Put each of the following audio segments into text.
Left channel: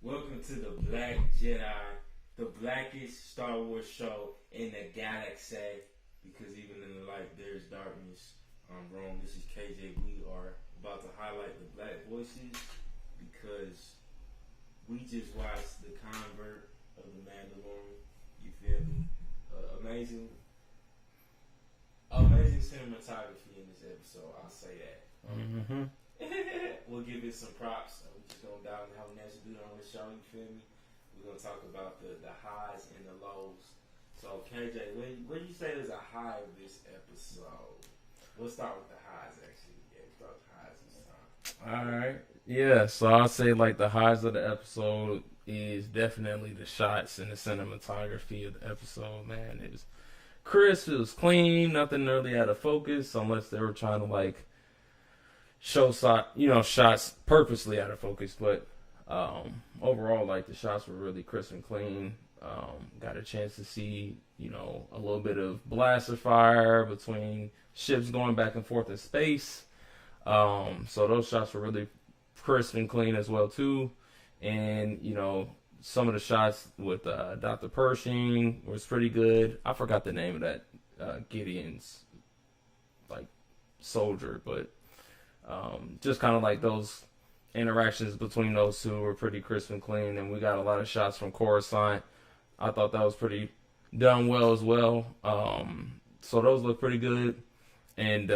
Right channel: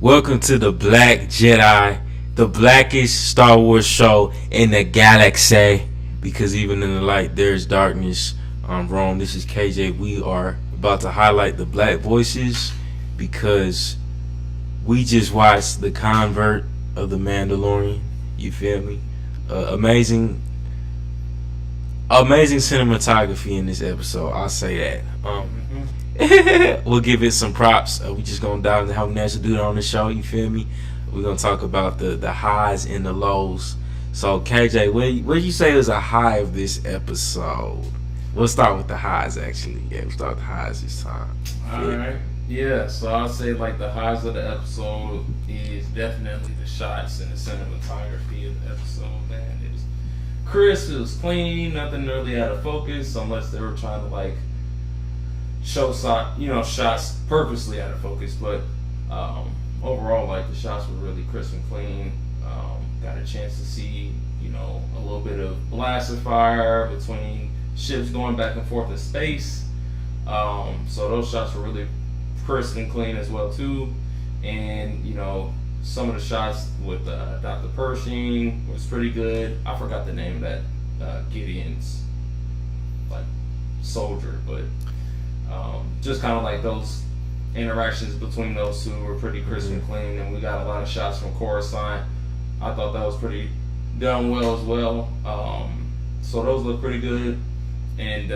Welcome to the Black Jedi, the blackest Star Wars show in the galaxy. Because even in the light, there's darkness. I'm Rome. This is KJ. We are about to highlight the black voices because we just watched the convert of the Mandalorian. You feel me? Amazing cinematography in this episode. I'll say that. We'll give it some props. We just gonna dive into how we naturally do it on the show. You feel me? We're gonna talk about the highs and the lows. So KJ, what do you say is a high of this episode? We'll start with the highs actually. Yeah, we'll start with the highs this time. Alright. Yeah, so I'll say like the highs of the episode is definitely the shots and the cinematography of the episode, man. It was crisp, it was clean, nothing really out of focus unless they were trying to like show shots purposely out of focus, but overall like the shots were really crisp and clean. Got a chance to see, a little bit of blaster fire between ships going back and forth in space. So those shots were really crisp and clean as well too. And some of the shots with Dr. Pershing was pretty good. I forgot the name of that Gideon's like soldier, but just kind of like those interactions between those two were pretty crisp and clean. And we got a lot of shots from Coruscant. I thought that was pretty done well as well. So those look pretty good. And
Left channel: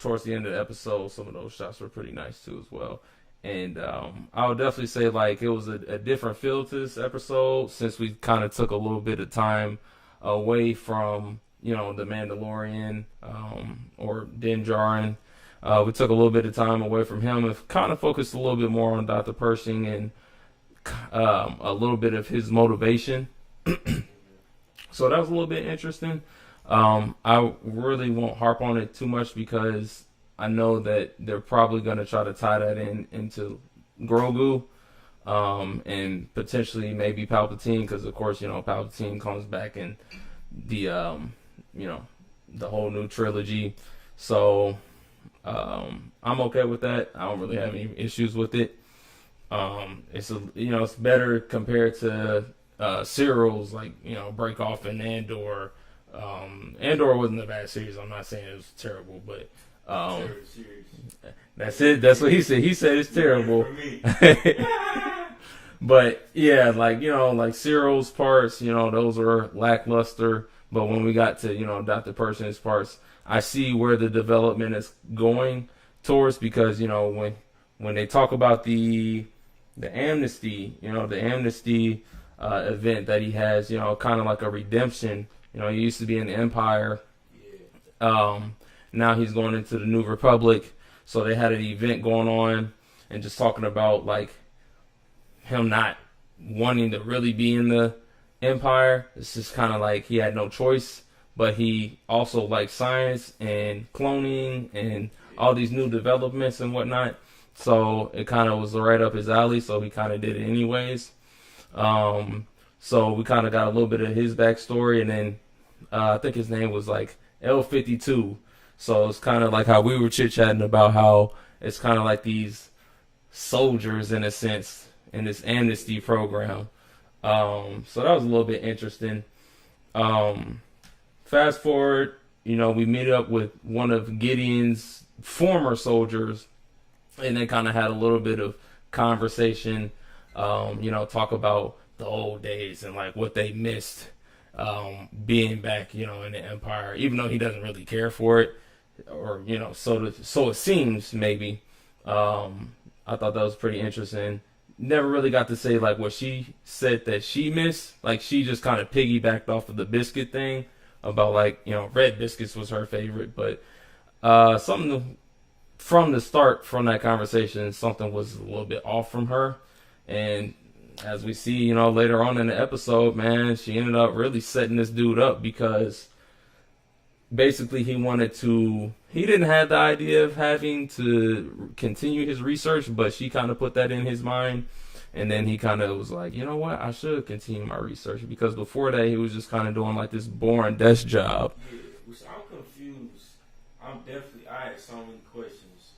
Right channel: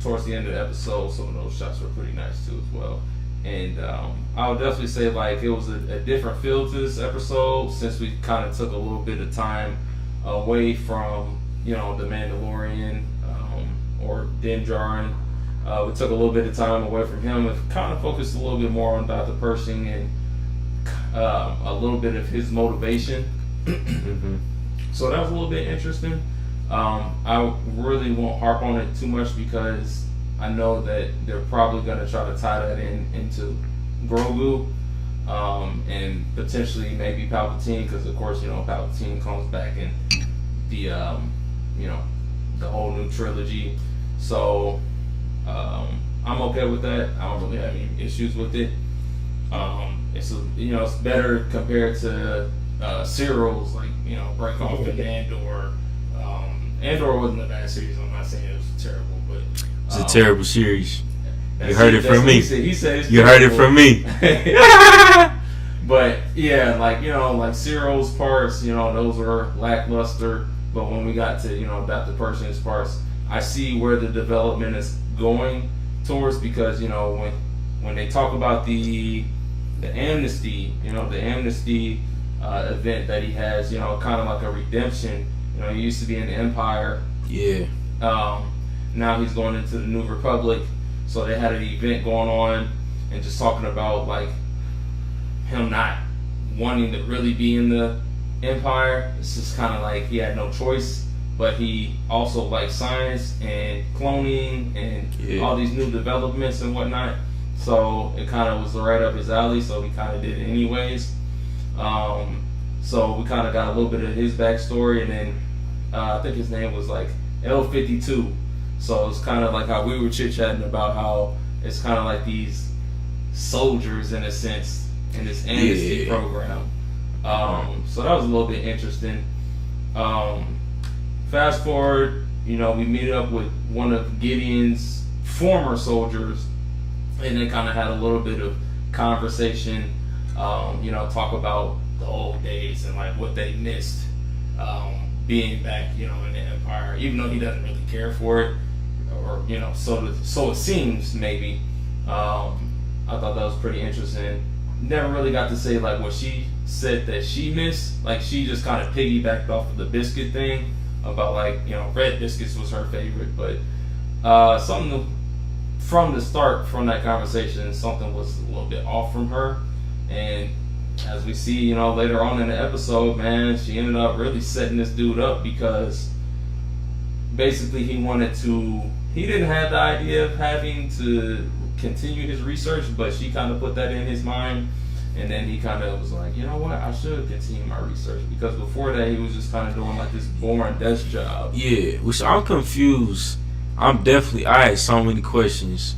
towards the end of the episode, some of those shots were pretty nice too as well. And I would definitely say like it was a different feel to this episode since we kind of took a little bit of time away from the Mandalorian or Din Djarin. We took a little bit of time away from him and kind of focused a little bit more on Dr. Pershing and a little bit of his motivation. So that was a little bit interesting. I really won't harp on it too much because I know that they're probably going to try to tie that into Grogu and potentially maybe Palpatine, because of course Palpatine comes back in the the whole new trilogy. So I'm okay with that. I don't really have any issues with it. It's better compared to serials like Break Off and Andor. Andor wasn't a bad series. I'm not saying it was terrible, but it's a terrible series. You heard it from me. He said it's you terrible. Heard it from me. But yeah, like serials parts, those were lackluster. But when we got to Dr. Pershing's parts, I see where the development is going towards, because when they talk about the amnesty, the amnesty event that he has, kind of like a redemption. He used to be in the Empire. Yeah. Now he's going into the New Republic. So they had an event going on and just talking about like him not wanting to really be in the Empire. It's just kind of like he had no choice. But he also liked science and cloning and all these new developments and whatnot. So it kind of was right up his alley. So he kind of did it anyways. So we kind of got a little bit of his backstory, and then I think his name was like L-52. So it's kind of like how we were chit-chatting about how it's kind of like these soldiers in a sense in this amnesty program. So that was a little bit interesting. Fast forward, we meet up with one of Gideon's former soldiers, and they kind of had a little bit of conversation, talk about the old days and like what they missed being back, in the Empire, even though he doesn't really care for it, or so it seems maybe. I thought that was pretty interesting. Never really got to say like what she said that she missed. Like she just kind of piggybacked off of the biscuit thing about like red biscuits was her favorite, but something from the start from that conversation, something was a little bit off from her. And as we see, later on in the episode, man, she ended up really setting this dude up because basically he didn't have the idea of having to continue his research, but she kind of put that in his mind. And then he kind of was like, you know what, I should continue my research, because before that he was just kind of doing like this boring desk job. Yeah, which I'm confused. I had so many questions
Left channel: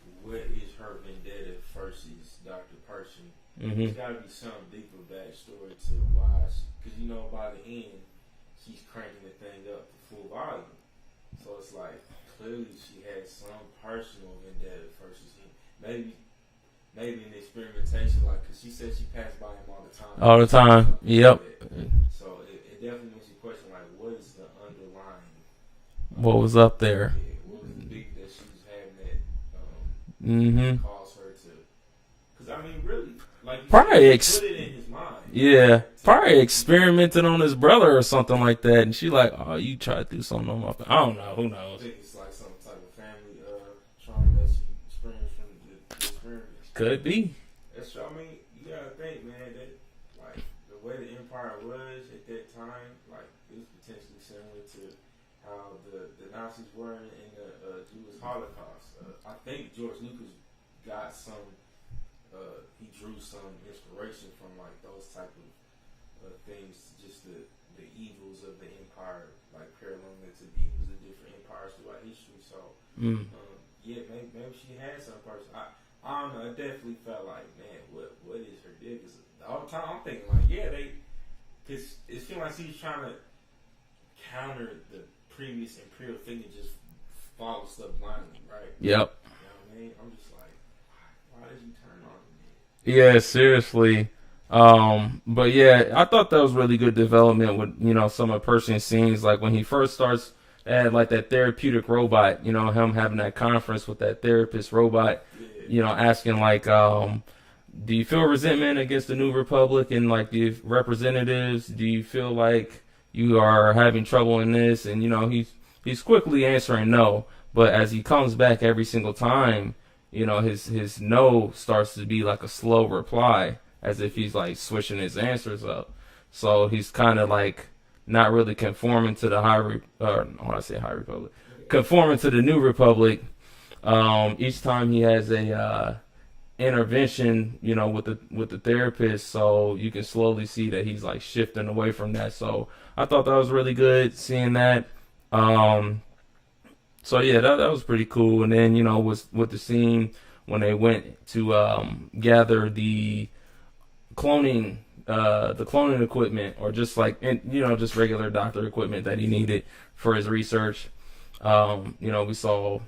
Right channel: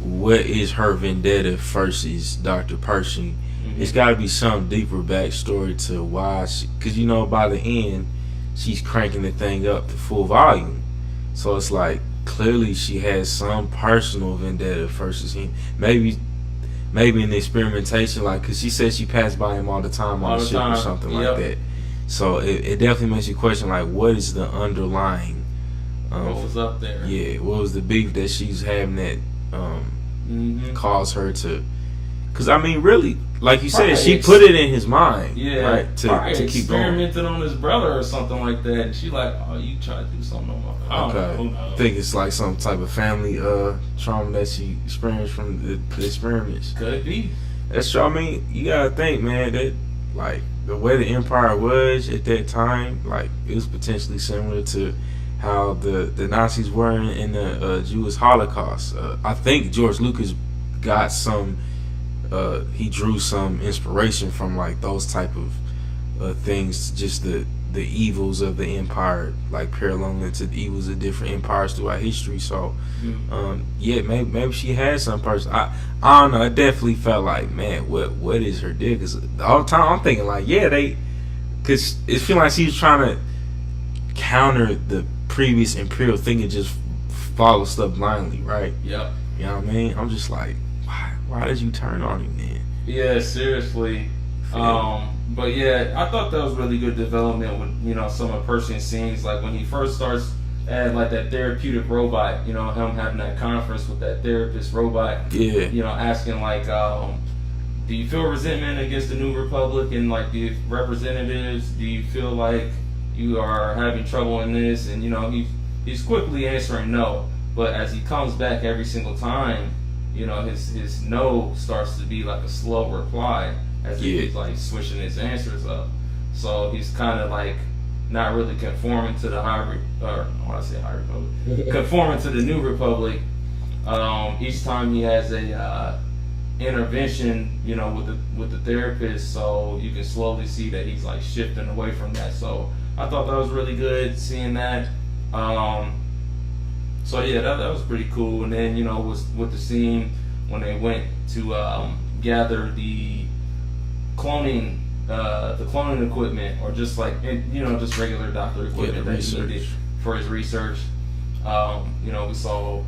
what is her vendetta versus Dr. Pershing. It's got to be some deeper backstory to why because you know by the end she's cranking the thing up to full volume, so it's like clearly she has some personal vendetta versus him. Maybe in the experimentation, like, because she said she passed by him all the time all the time or something like that. So it definitely makes you question, like, what is the underlying what was up there? Yeah, what was the beef that she's having that caused her to? Because I mean, really, like you said, she put it in his mind. Yeah, right, probably experimented on his brother or something like that, and she like, oh, you try to do something on my family. I don't know. Who knows? I think it's like some type of family trauma that she experienced from the experiments. Could be. That's true. I mean, you gotta think, man, that like the way the empire was at that time, like it was potentially similar to how the Nazis were in the Jewish Holocaust. I think George Lucas got some. He drew some inspiration from like those type of things, just the evils of the empire, like paralleling to the evils of different empires throughout history. So, yeah, maybe she had some person. I don't know. It definitely felt like, man, what is her deal? Because all the time I'm thinking like, yeah, because it feels like she was trying to counter the previous imperial thing and just follow stuff blindly, right? Yep. You know what I mean? I'm just like, why did you turn on him then? Yeah, seriously. But yeah, I thought that was really good development with, some of Pershing's scenes. Like when he first starts at like that therapeutic robot, him having that conference with that therapist robot. Yeah. Asking like, do you feel resentment against the New Republic and like the representatives? Do you feel like you are having trouble in this? And he's quickly answering no. But as he comes back every single time, his no starts to be like a slow reply, as if he's like switching his answers up. So he's kind of like not really conforming to the conforming to the New Republic. Each time he has a intervention, with the therapist, so you can slowly see that he's like shifting away from that. So I thought that was really good seeing that. So yeah, that was pretty cool. And then with the scene when they went to gather the cloning equipment, or just like just regular doctor equipment that he needed for his research. We saw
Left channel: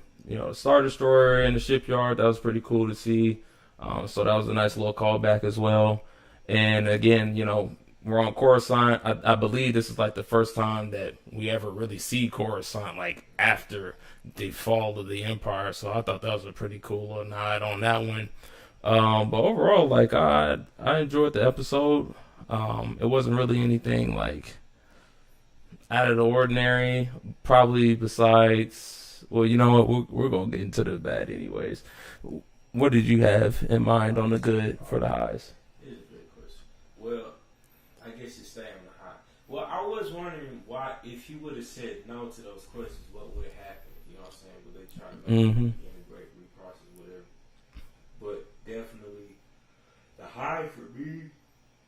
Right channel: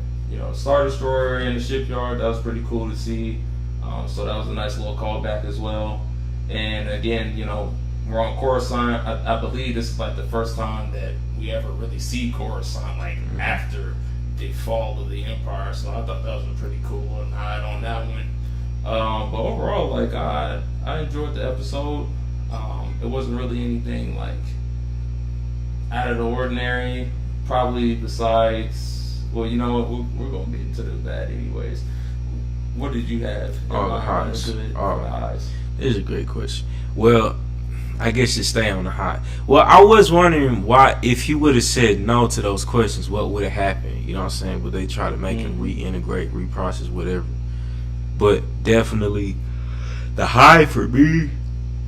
Star Destroyer in the shipyard. That was pretty cool to see. So that was a nice little callback as well. And again, we're on Coruscant. I believe this is like the first time that we ever really see Coruscant like after the fall of the Empire. So I thought that was a pretty cool little nod on that one. But overall, like I enjoyed the episode. It wasn't really anything like out of the ordinary. Probably besides, well, you know what? We're gonna get into the bad anyways. What did you have in mind on the good for the highs? This is a great question. Well, I guess you stay on the high. Well, I was wondering why, if he would have said no to those questions, what would have happened? You know what I'm saying? Would they try to make him reintegrate, reprocess, whatever? But definitely, the high for me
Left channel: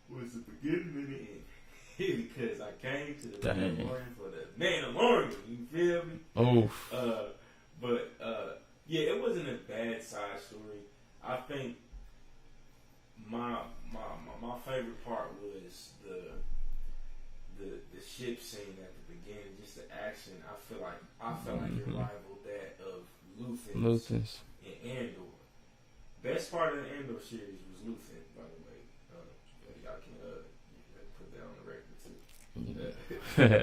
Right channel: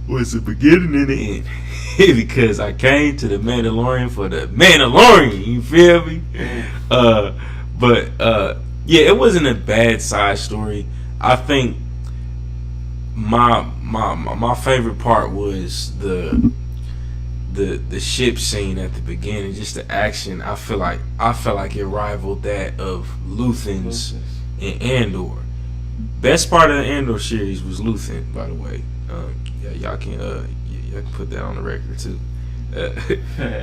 was the beginning and the end. Because I came to the Mandalorian for the Mandalorian. You feel me? Yeah, it wasn't a bad side story. I think my favorite part was the ship scene at the beginning, just the action. I felt like it rivaled that of Luthen's in Andor. Best part of the Andor series was Luthen, by the way. Y'all can put that on the record too.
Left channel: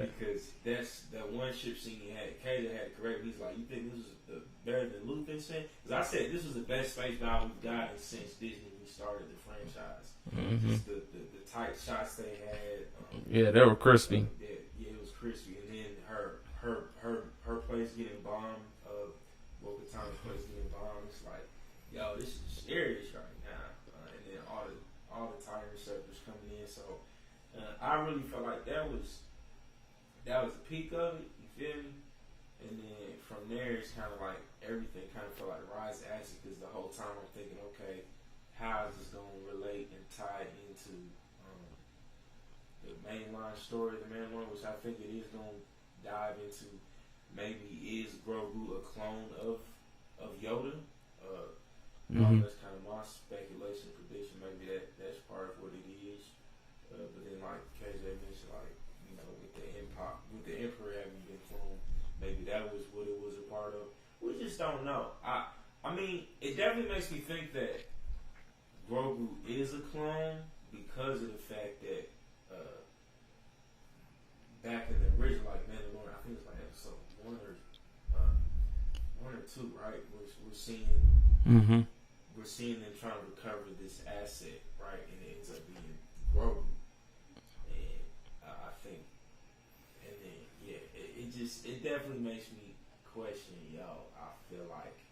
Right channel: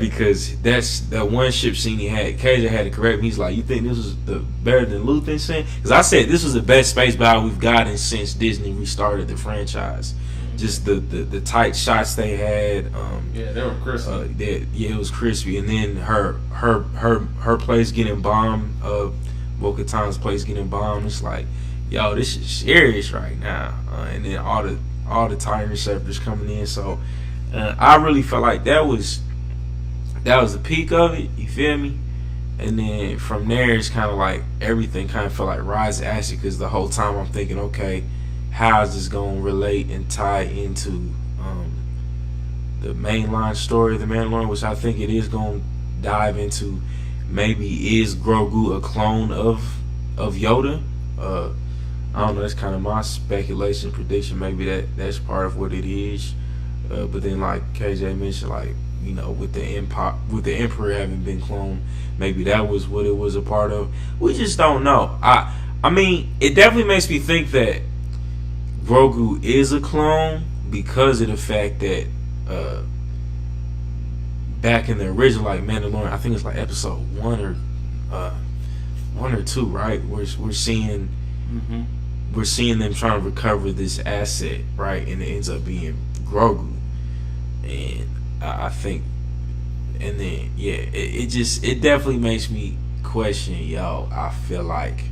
Because that's that one ship scene he had. KJ had to correct me. He's like, "You think this was better than Luthen scene?" Because I said this was the best space battle we've gotten since Disney restarted the franchise. Just the tight shots they had. They were crispy. It was crispy. And then her place getting bombed. Bo-Katan's place getting bombed. It's like, yo, this is serious right now. And then all the Titan receptors coming in. So. I really felt like that was the peak of it. You feel me? And then from there, it's kind of like everything kind of felt like rise to action, because the whole time I'm thinking, okay, how is this going to relate and tie into the mainline story of the Mandalorian, which I think it is going to dive into. Maybe is Grogu a clone of Yoda? I don't know. That's kind of my speculation, prediction. Maybe that's part of what it is. But then, like KJ mentioned, like with the Emperor having been cloned, maybe that was what it was a part of. We just don't know. I mean, it definitely makes me think that Grogu is a clone because of the fact that back in the original, like Mandalorian, I think it's like episode 1 or 2, right? We're seeing them trying to recover this asset, right? And it ends up being Grogu, and I think, and then it definitely makes me question. I feel like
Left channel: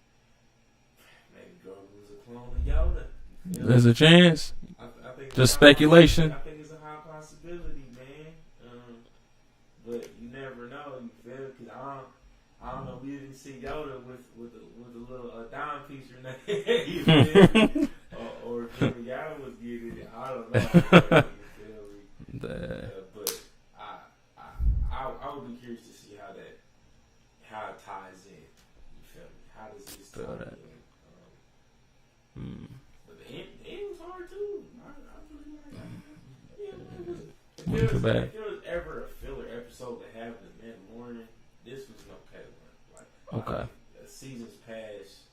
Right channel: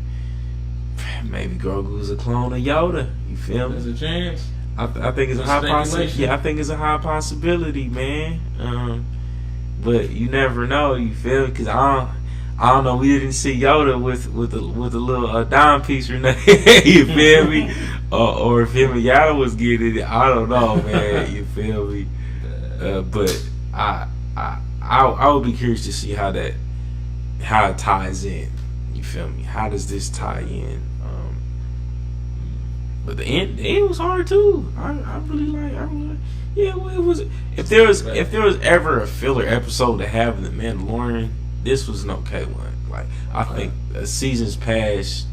maybe Grogu's a clone of Yoda. You feel me? There's a chance. I think it's Just a high speculation. I think it's a high possibility, man. But you never know. You feel me? Because I don't know. We didn't see Yoda with a little dime piece or nothing. You feel me? Or if him and Yoda was getting it, I don't know, man. You feel me? But I would be curious to see how it ties in. You feel me? How does this tie in? But the end was hard too. I really like. Yeah, well, it was. If there was ever a filler episode to have in the Mandalorian, this was an okay one. Like I think seasons past,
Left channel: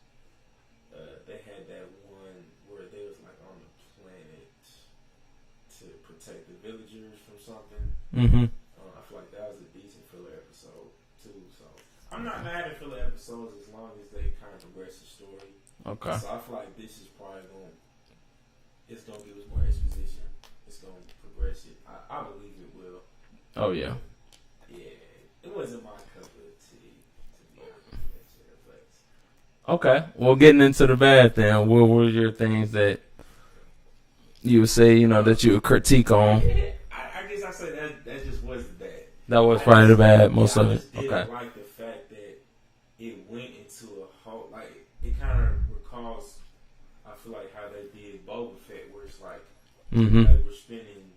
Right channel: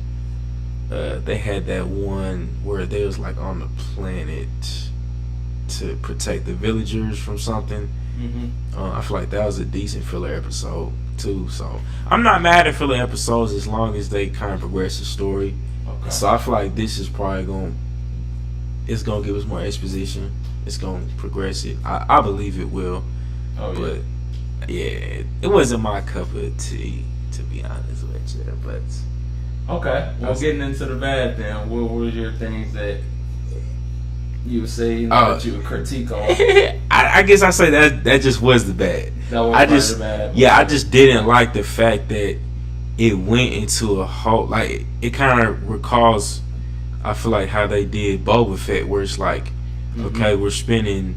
they had that one where they was like on the planet to protect the villagers from something. I feel like that was a decent filler episode too. So I'm not mad at filler episodes as long as they kind of progress the story. Okay. So I feel like this is probably gonna give us more exposition. It's gonna progress it. I believe it will. Oh yeah. But yeah, it wasn't my cup of tea, to be honest with you. But okay. Well, getting into the bad then, what were your things that you would say that you would critique on? I guess I say that just was the bad. That was part of the bad. Yeah, I just didn't like the fact that it went into a whole, like, it kind of recalls, I feel like, how they did Boba Fett, where it's like, okay, we're spending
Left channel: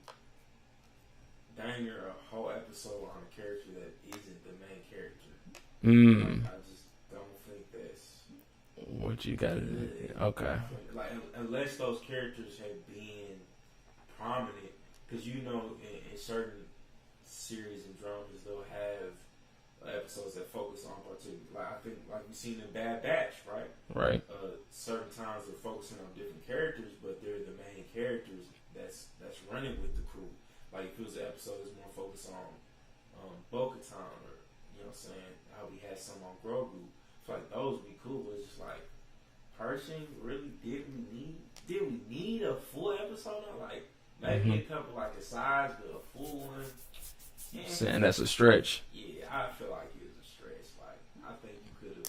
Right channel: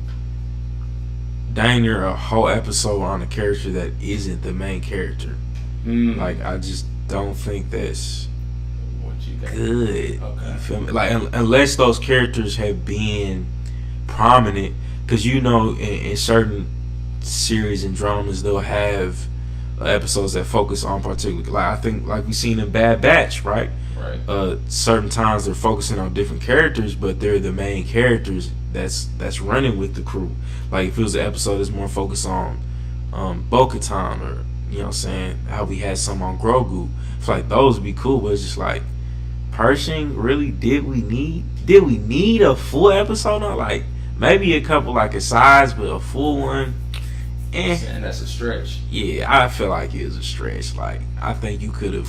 dang near a whole episode on a character that isn't the main character. Like, I just don't think that's what you got good. Okay. You feel me? Like, unless those characters have been prominent, because in certain series and dramas, they'll have episodes that focus on particular, like I think, like we seen in Bad Batch, right? Right. Certain times they're focusing on different characters, but they're the main characters that's running with the crew. Like if it was an episode that's more focused on Bo-Katan, or what I'm saying, how we had some on Grogu, I feel like those would be cool. But it's just like, Pershing, really, did we need a full episode on? Like maybe a couple like asides, but a full one. And that's a stretch. Yeah, I feel like it was a stretch. Like, I think you could have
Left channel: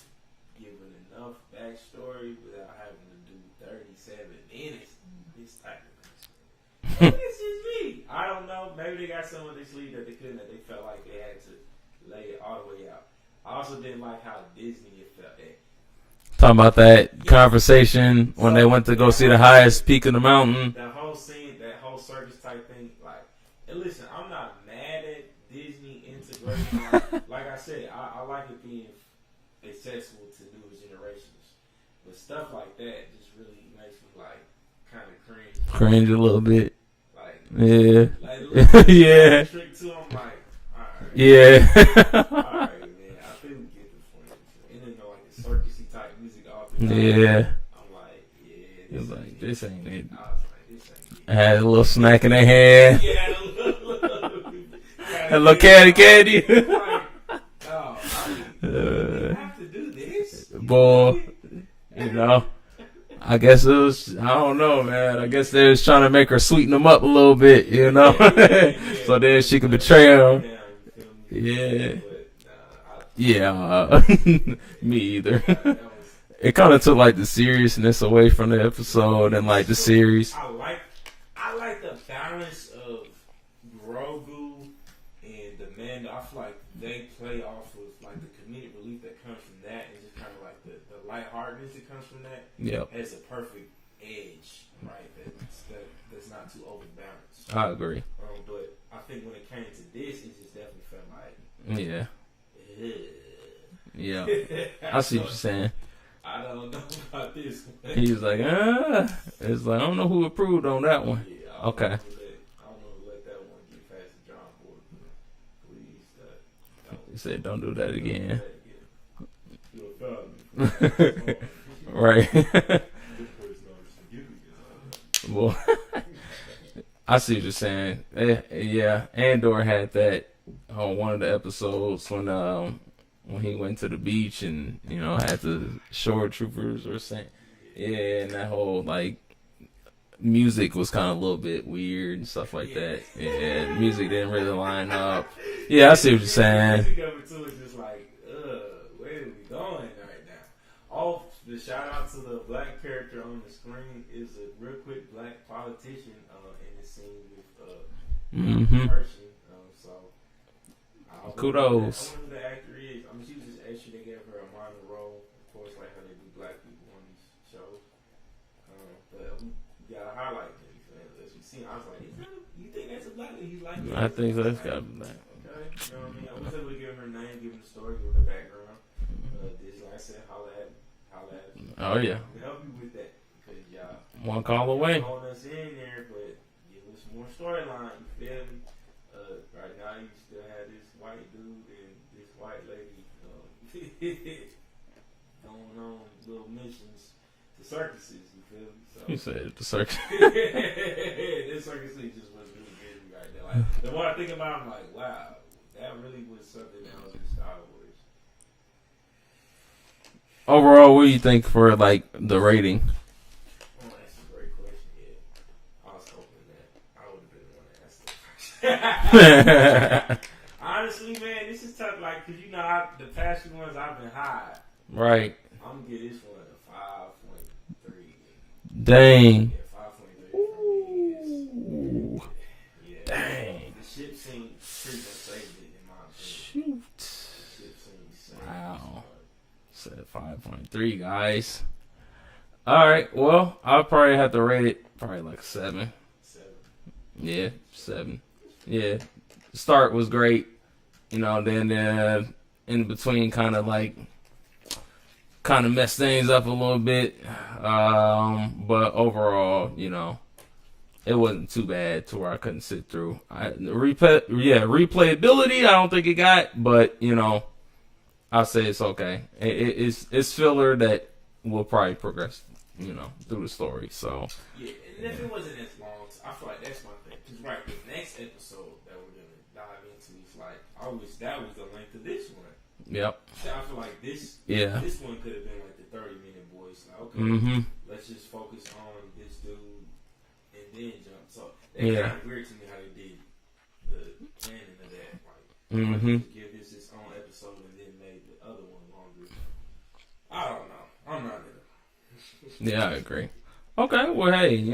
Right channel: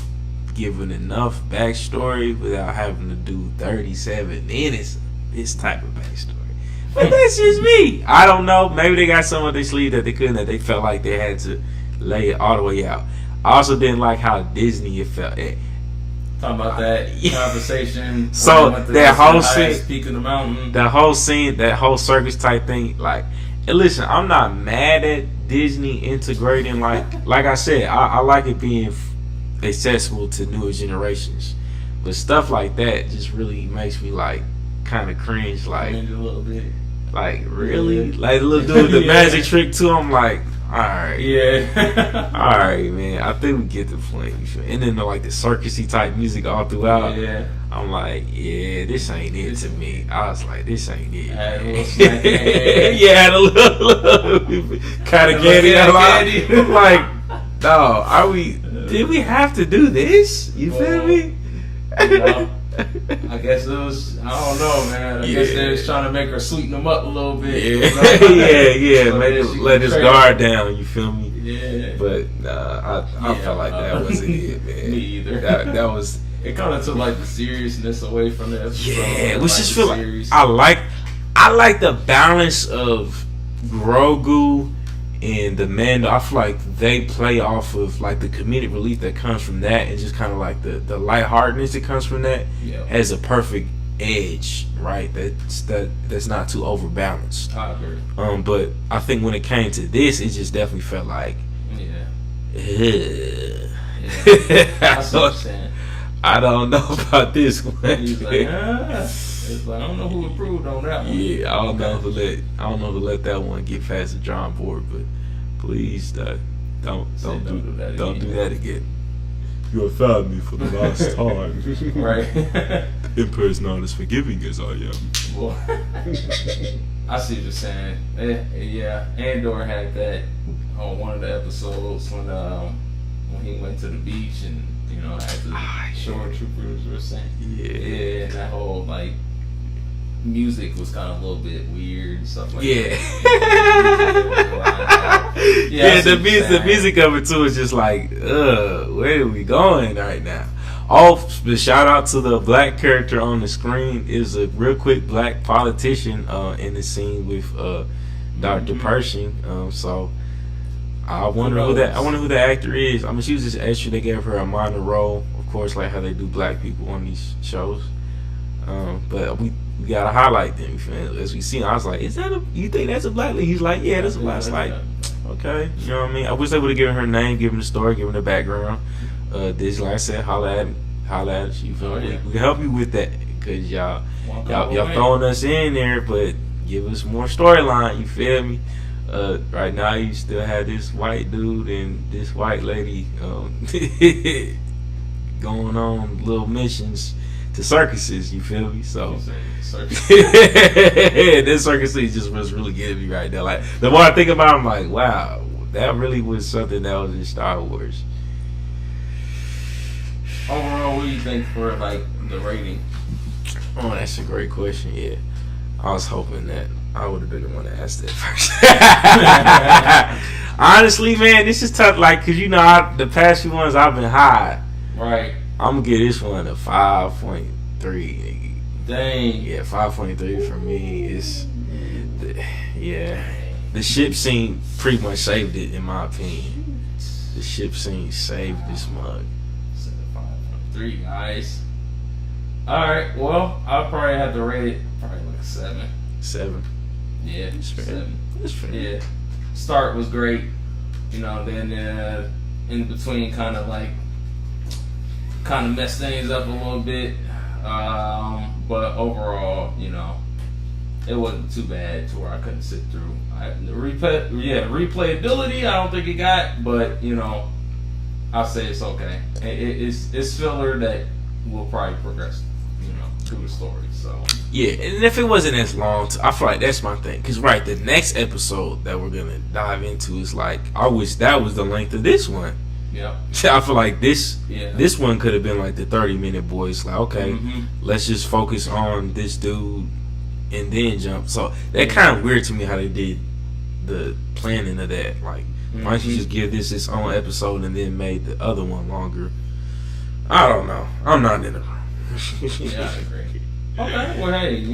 given enough backstory without having to do 37 minutes of this type of backstory. But that's just me. I don't know. Maybe they got some of their sleeve that they couldn't, that they felt like they had to lay it all the way out. I also didn't like how Disney it felt. Talking about that conversation when so they went to the highest peak of the mountain. That whole scene, that whole circus type thing, like, and listen, I'm not mad at Disney integrating, like I said, I like it being accessible to newer generations, but stuff like that just really makes me like kind of cringe, like cringe a little bit, like really, like the little dude with the magic trick too. I'm like, all right, all right, man. I think we get the point. And then like the circusy type music all throughout. Yeah, I'm like, yeah, this ain't it to me. I was like, this ain't it. I had a little smack in the head. Yeah, had a little kind of candy. I'm like, no, did we have to do this? You feel me? I guess it was, I don't know, man. I guess they was trying to make her sweeten them up a little bit. Yeah. So Maybe she let his guard down, you feel me? Yeah. But I feel like that wasn't it, man. Me either. That was... It kind of took like the seriousness away from the episode and like the series. Like, I like the balance of Grogu and the Mando. I feel like they play off of like the comedic relief that comes from that, and just kind of like the lightheartedness that comes from that as a perfect edge, right? That's not too overbalanced. I agree. But I think when it came to this, it just definitely felt like that's what I'm saying. I don't know about this one. He's like, it's like, I don't know who approved on that one. Yeah, I don't know to let that one get past the drawing board, but please don't do that again. Don't do that again. You offended me for the last time. Right. Emperor is not as forgiving as I am. Well, I see what you're saying. Yeah, Andor had that on one of the episodes when he went to the beach and had the shore troopers were saying, and that whole like music was kind of a little bit weird and stuff like that. The music of it too is just like, where are we going right now? The shout out to the black character on the screen is a real quick black politician in the scene with Dr. Pershing. So I wonder who the actor is. I mean, she was just extra. They gave her a minor role, of course, like how they do black people on these shows. But we gotta highlight them. As we see, I was like, you think that's a black lady? He's like, yeah, that's a black lady. Okay, you know what I mean? I wish they would have given her name, given the story, given the background. This, like I said, holla at us. You feel me? We can help you with that because y'all throwing us in there, but give us more storyline. You feel me? Right now, you still have this white dude and this white lady going on little missions to circuses. You feel me? So this circus just was really getting me right now. Like the more I think about it, I'm like, wow, that really was something that was in Star Wars. Overall, what do you think for like the rating? Oh, that's a great question. Yeah, I was hoping that I would have been the one to ask that first. Honestly, man, this is tough. Like, cause the past few ones I've been high. Right. I'm gonna give this one a 5.3. Dang. Yeah, 5.3 for me is. Yeah. The ship scene pretty much saved it, in my opinion. The ship scene saved this mug. Set at 5.3, guys. Alright, well, I'll probably have to rate it probably like a 7. 7? Yeah, 7. That's fair. Yeah. Start was great. Then in between kind of messed things up a little bit. But overall, it wasn't too bad to where I couldn't sit through. Replayability, I don't think it got, but I'll say it's okay. It's filler that will probably progress, through the story. So yeah, and if it wasn't as long, I feel like that's my thing. Cause the next episode that we're gonna dive into is like, I wish that was the length of this one. Yeah, I feel like this one could have been like the 30-minute boys. Like, okay, let's just focus on this dude and then jump. So that kind of weird to me how they did the planning of that. Like, why don't you just give this its own episode and then made the other one longer? I don't know. I'm not in it. Yeah, I agree. Okay, well, hey,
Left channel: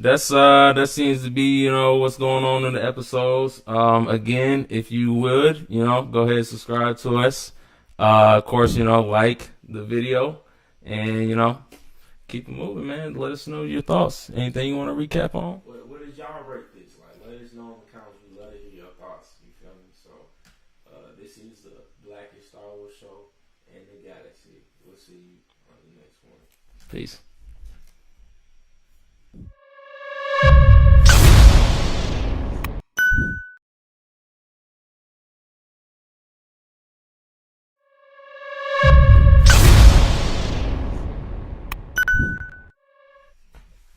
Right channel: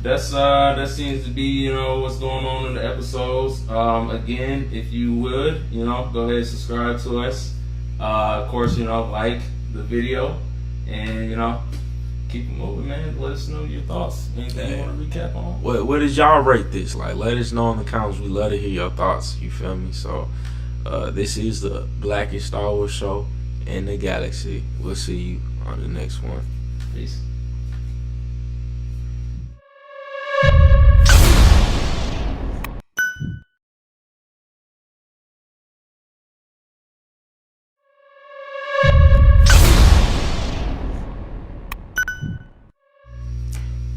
that seems to be what's going on in the episodes. Again, if you would go ahead and subscribe to us. Of course, like the video and keep it moving, man. Let us know your thoughts. Anything you want to recap on? What did y'all rate this? Like, let us know in the comments. We love to hear your thoughts. You feel me? So this is the Blackest Star Wars show in the galaxy. We'll see you on the next one. Peace.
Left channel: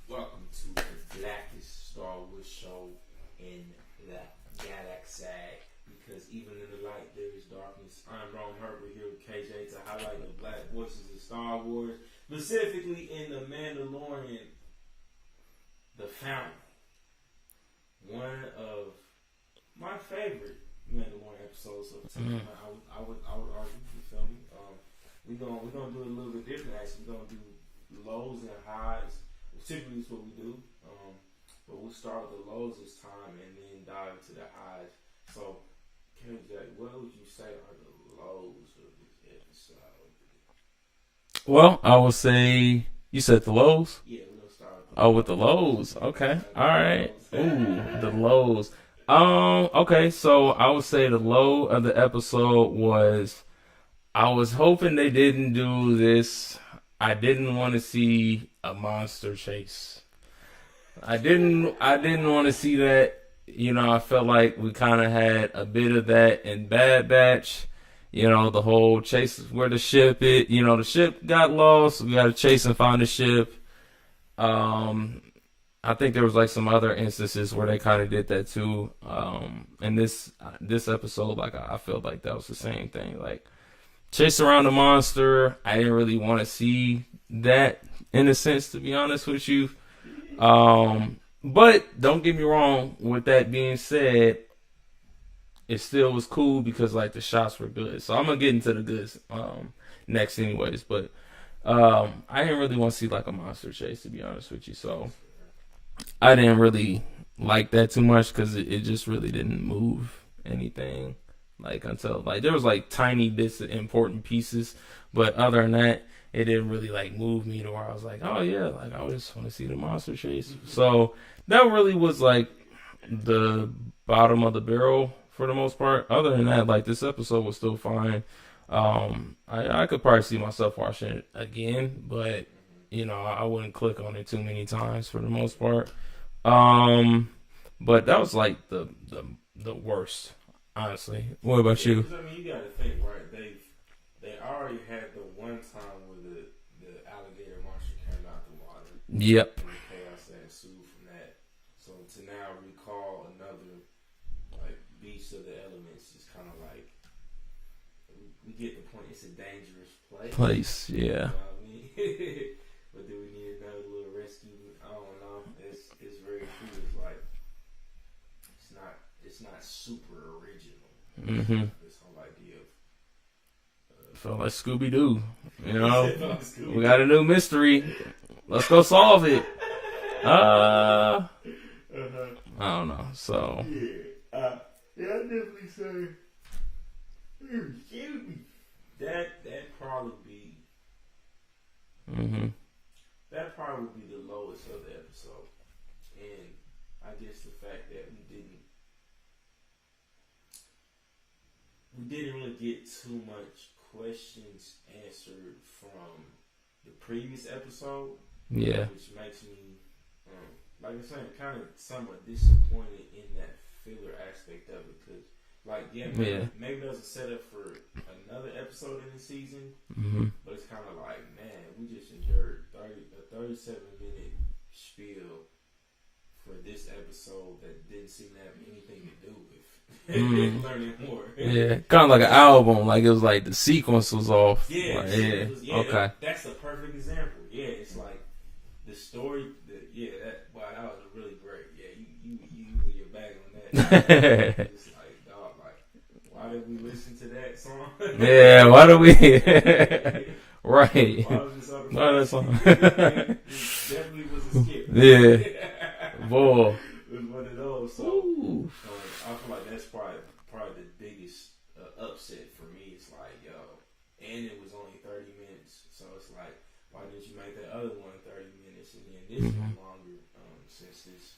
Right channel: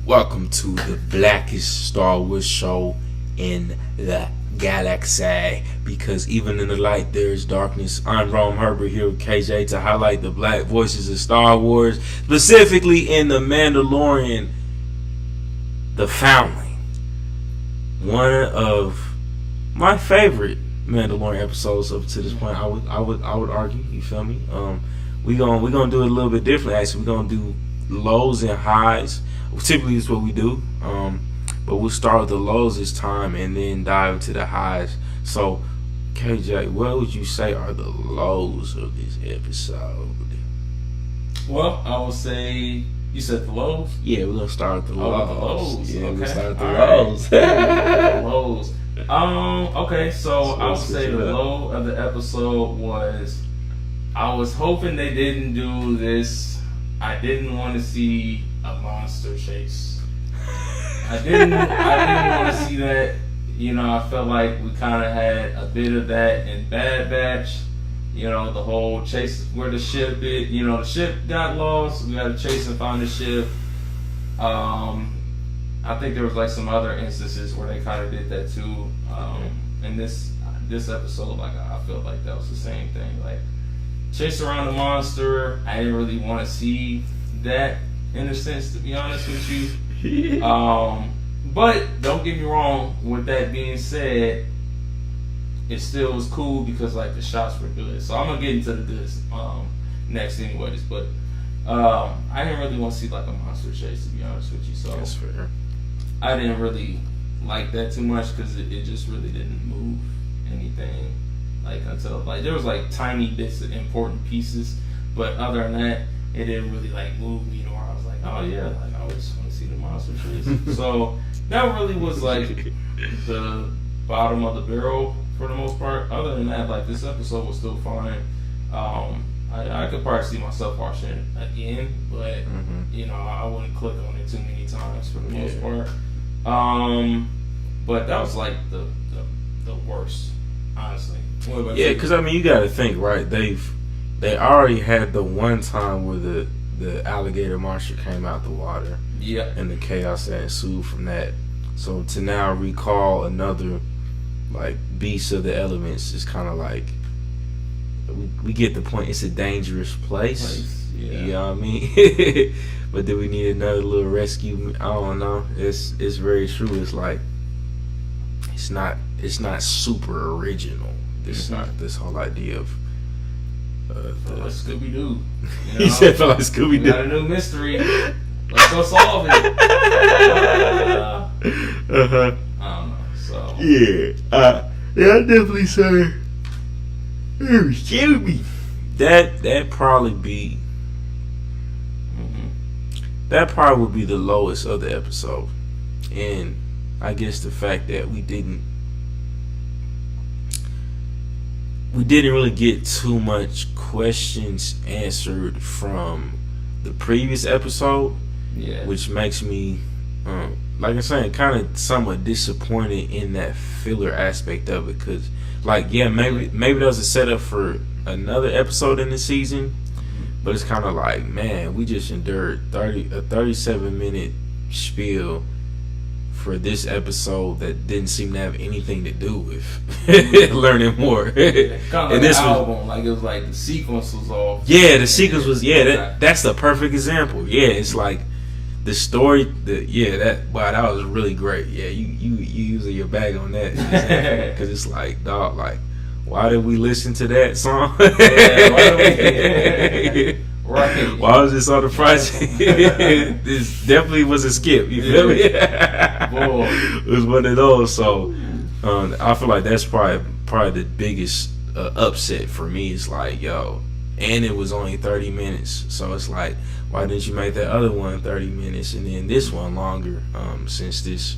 Welcome to the Blackest Star Wars show in the galaxy. Because even in the light there is darkness. I'm Romeherbert here with KJ to highlight the black voices of Star Wars, specifically in the Mandalorian, the Foundling. One of my favorite Mandalorian episodes up to this point. I would argue. You feel me? We're gonna do it a little bit differently. Actually, we're gonna do lows and highs. Typically, is what we do. But we'll start with the lows this time and then dive into the highs. So, KJ, what would you say are the lows of this episode? Well, I would say you said the lows. Yeah, we're gonna start with the lows. Oh, with the lows. Yeah, okay. Start with the lows. the lows. Okay, so I would say the low of the episode was I was hoping they didn't do this. I didn't want to see a monster chase. I didn't want to see that. You know, I felt like we kind of had a bit of that in Bad Batch. You know, the whole chase where the ship the ship got lost. We had to chase and find the ship. I think there was like some other instances where they kind of did that too. And this episode, like I felt like that was the same thing. Like chase around the monster. I didn't really want to see that in a sense, to be honest with you. But don't get me wrong. With that being said, it still was cool because like the shots were good. So I'm gonna get into the goods next, anyways. But I didn't really want to see like a monster chase, to be honest with you. So That's fair. I didn't really like that too much because it just really didn't move anything. Like until like there was like tiny bits of important pieces, but other than that, it didn't really like move me to where I was like, oh yeah, like I just want to see the monster chase. So that really was like the bottom of the barrel for the most part. Other than that, like this episode was still fine. I could probably see myself watching it again, but you know, I wouldn't click on it too many times for the most part. But that was like the worst, honestly. What about you? Yeah, because I mean, you got to think, right? They already had the one time where the alligator monster came out the water. Yep. And the chaos that ensued from that. So to now recall another like beast of the elements is kind of like we get the point. It's a dangerous place. Yeah. You know what I mean? But do we need another little rescue? I don't know. It's very true. It's like it's not super original. It's not this whole idea of felt like Scooby Doo. You he know? said felt like Scooby Doo. We got a new mystery. Let's go solve it. I don't know. So yeah, I definitely say. Excuse me. That probably be. That probably would be the lowest of the episode, and I guess the fact that we didn't really get too much questions answered from the previous episode. Yeah. Which makes me, like I'm saying, kind of somewhat disappointed in that filler aspect of it. Because, like, yeah, maybe that was a setup for another episode in the season. But it's kind of like, man, we just endured a 37-minute spiel for this episode that didn't seem to have anything to do with learning more. Yeah, kind of like an album, like it was like the sequence was off. Yeah, the sequence was that's the perfect example. Yeah, it's like the story. That was really great. Yeah, you using your bag on that because it's like, dog, like why did we listen to that song? Yeah, why did we? Right. Why was this on the project? This definitely was a skip. You feel me? Boy. It was one of those. So I feel like that's probably the biggest upset for me. It's like, yo, and it was only 30 minutes. So it's like, why didn't you make that other one 30 minutes and then this one longer? Since this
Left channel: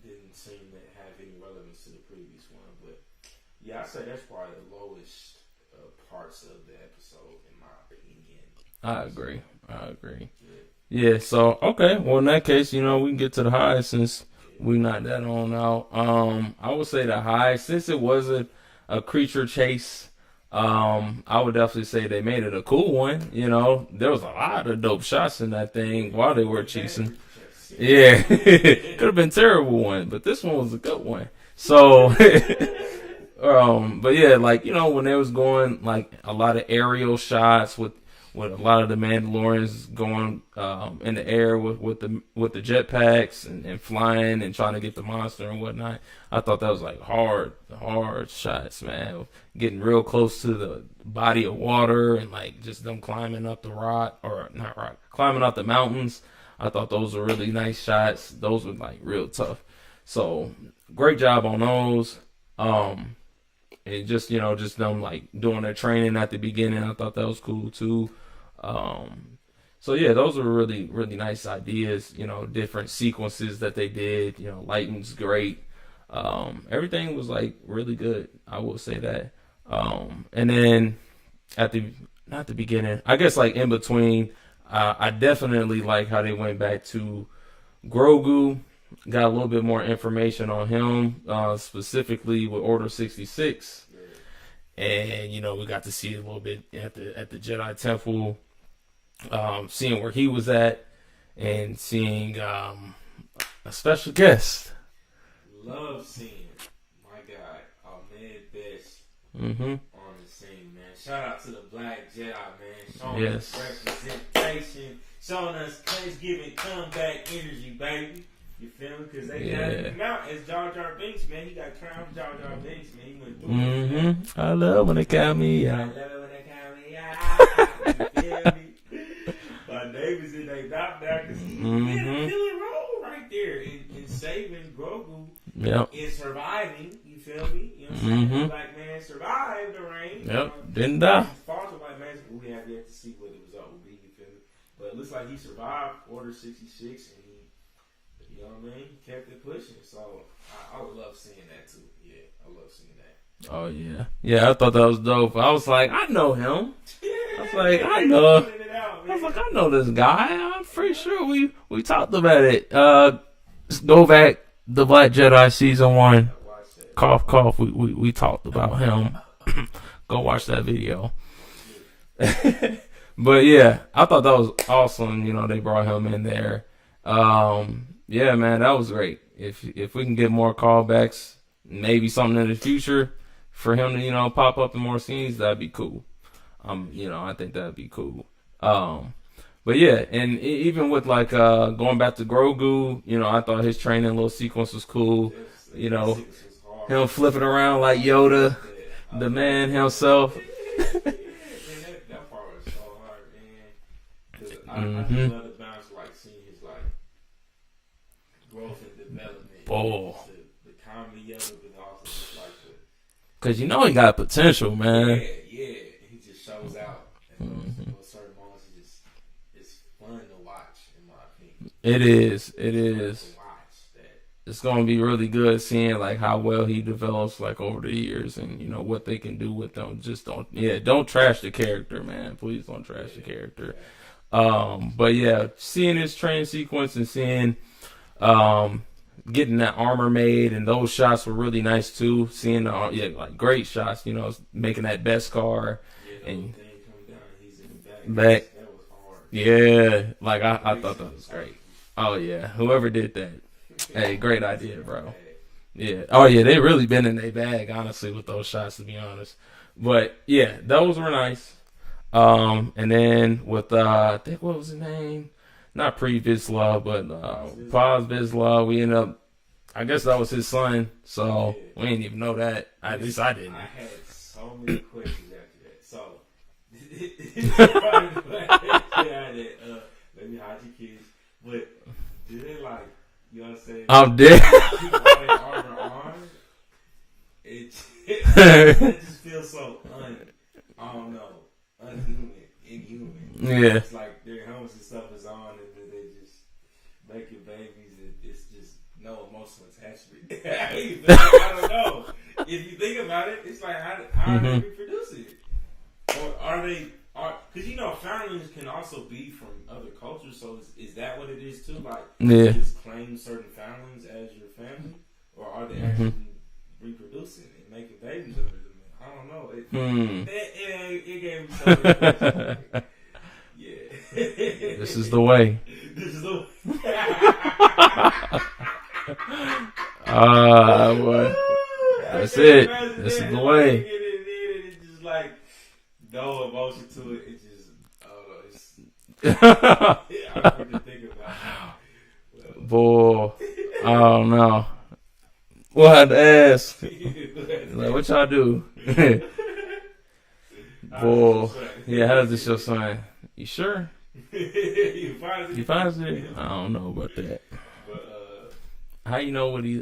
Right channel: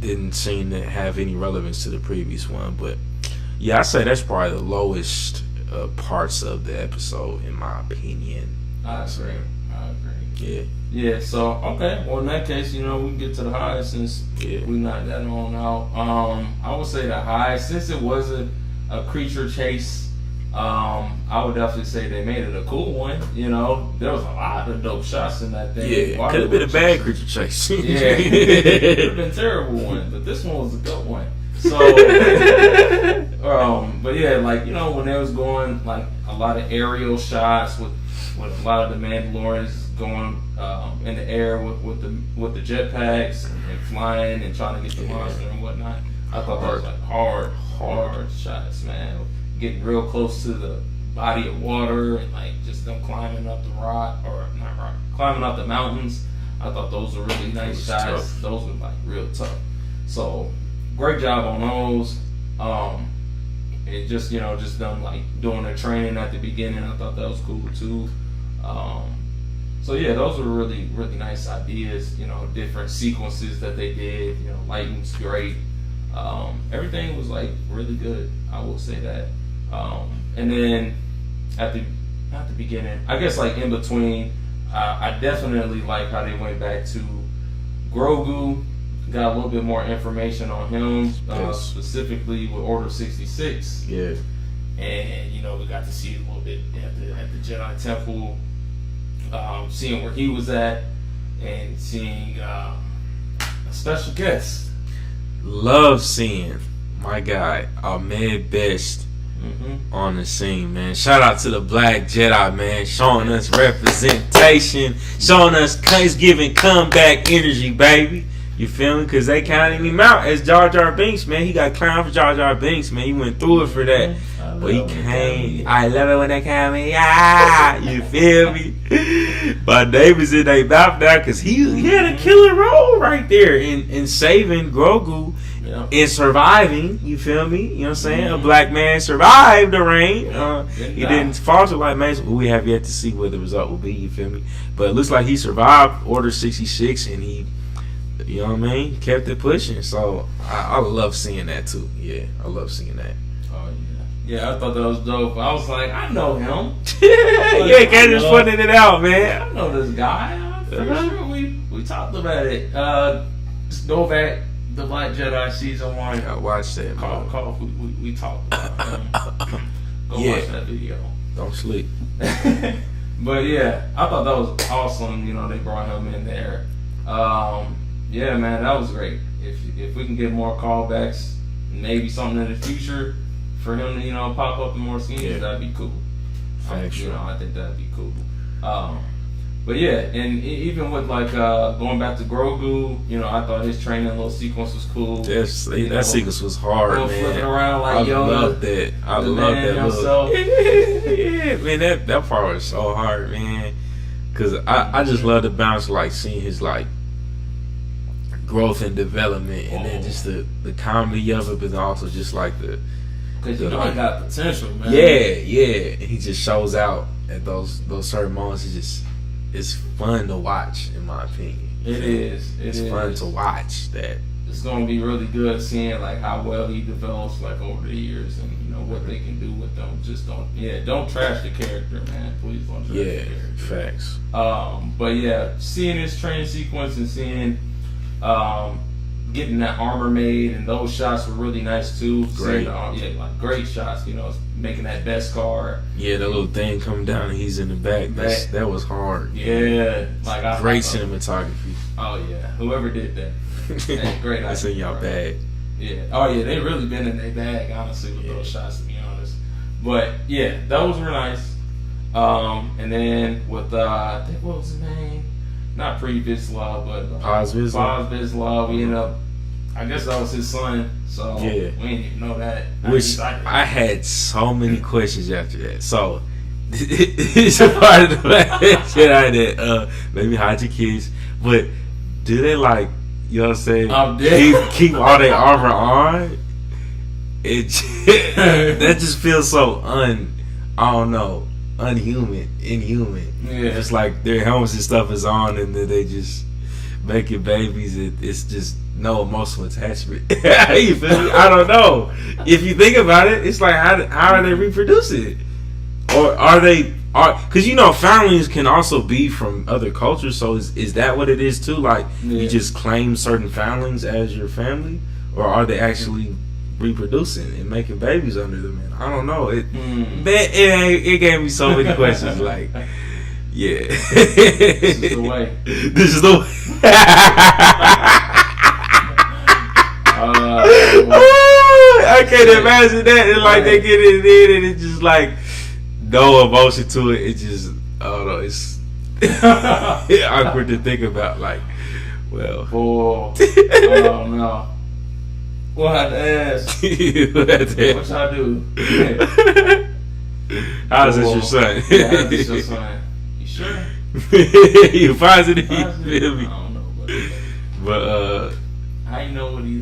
didn't seem to have any relevance to the previous one. But yeah, I say that's probably the lowest parts of the episode, in my opinion. I agree. Yeah. Yeah. So okay. Well, in that case, you know, we can get to the high since we knocked that on out. I would say the high, since it was a creature chase. I would definitely say they made it a cool one. You know, there was a lot of dope shots in that thing. Yeah, could have been a bad creature chase. Yeah, it could have been a terrible one, but this one was a good one. So, but yeah, like, you know, when they was going like a lot of aerial shots with a lot of the Mandalorians going in the air with the jetpacks and flying and trying to get the monster and whatnot. I thought that was like hard shots, man. Getting real close to the body of water and like just them climbing up the climbing up the mountains. I thought those were really nice shots. Tough. Those were like real tough. So great job on those. It just, you know, just them like doing their training at the beginning. I thought that was cool too. So yeah, those were really, really nice ideas. You know, different sequences that they did. You know, lighting's great. Everything was like really good. I will say that. And then at the not the beginning. I guess like in between. I definitely like how they went back to Grogu. Got a little bit more information on him, specifically with Order 66. Yeah. And we got to see it a little bit at the Jedi Temple, seeing where he was at, and seeing a special guest. Love seeing my guy Ahmed Best on the scene, man. Shout out to the Black Jedi, man, showing us representation, showing us giving comeback energy, baby. You feel me? Because they counted him out as Jar Jar Binks, man. He got clowned for Jar Jar Binks, man. He went through it for that. I love it when they count me. I love it when they count me. Ah, you feel me? But David's in their mouth now because he had a killer role right there in saving Grogu and surviving. You feel me? You know what I'm saying? A black man survived the rain. He didn't falter like man. We have yet to see what the result will be. You feel me? But it looks like he survived Order 66 and he. You know what I mean? Kept it pushing. So I love seeing that too. Yeah, I love seeing that. Oh yeah. Yeah, I thought that was dope. I was like, I know him. Yeah, Candace putting it out, man. I know this guy. I'm pretty sure we talked about it. Let's go back. The Black Jedi season 1. I watched that. Cough, cough. We talked about him. Go watch that video. Don't sleep. But yeah, I thought that was awesome. They brought him in there. Yeah, man, that was great. If we can get more callbacks, maybe something in the future for him to pop up in more scenes, that'd be cool. I think that'd be cool. But yeah, and even with like going back to Grogu, I thought his training little sequence was cool. Yes, that sequence was hard. Man. Flipping around like Yoda. Love that. I love that himself. Yeah, man, that part was so hard, man. Cause I just love the balance, like seeing his like growth and development, and then just the comedy of it, but then also just like because he got potential, man. Yeah, and he just shows out at those certain moments. It's fun to watch, in my opinion. It is. It's fun to watch that. It's gonna be really good seeing like how well he develops like over the years, and what they can do with them. Just don't trash the character, man. Please don't trash the character. Facts. But yeah, seeing this train sequence and seeing getting that armor made, and those shots were really nice too. Great. Seeing, like great shots. Making that Beskar. Yeah, the little thing coming down and he's in the back. That was hard. Yeah, like great cinematography. Oh yeah, whoever did that. Hey, great idea. That's in y'all bag. Yeah. Oh yeah, they really been in their bag, honestly, with those shots, to be honest. But yeah, those were nice. And then with I think what was his name? Not Pre Vizsla, but Oz Vizsla. Vizsla. We ended up. I guess that was his son. So we didn't even know that. I had so many questions after that. So it's a part of the Jedi that maybe hide your kids, but do they like? You know what I'm saying? I'm dead. Keep all their armor on. That just feels so inhuman. Yeah. It's like their helmets and stuff is on, and then they just making babies. It's just no emotional attachment. You feel me? I don't know. If you think about it, it's like how are they reproducing? Or are they? Because families can also be from other cultures. So is that what it is too? Like you just claim certain families as your family, or are they actually reproducing and making babies under them? Man, I don't know. It gave me so many questions. Like, yeah, this is the way. This is the way. I can't imagine that. And like they get it in, and it's just like. No emotion to it. It just, I don't know. It's awkward to think about. Like, well, I don't know. We'll have to ask. What y'all do? How's this your son? How's this your son? You sure? You positive? I don't know about that. But how you know what he?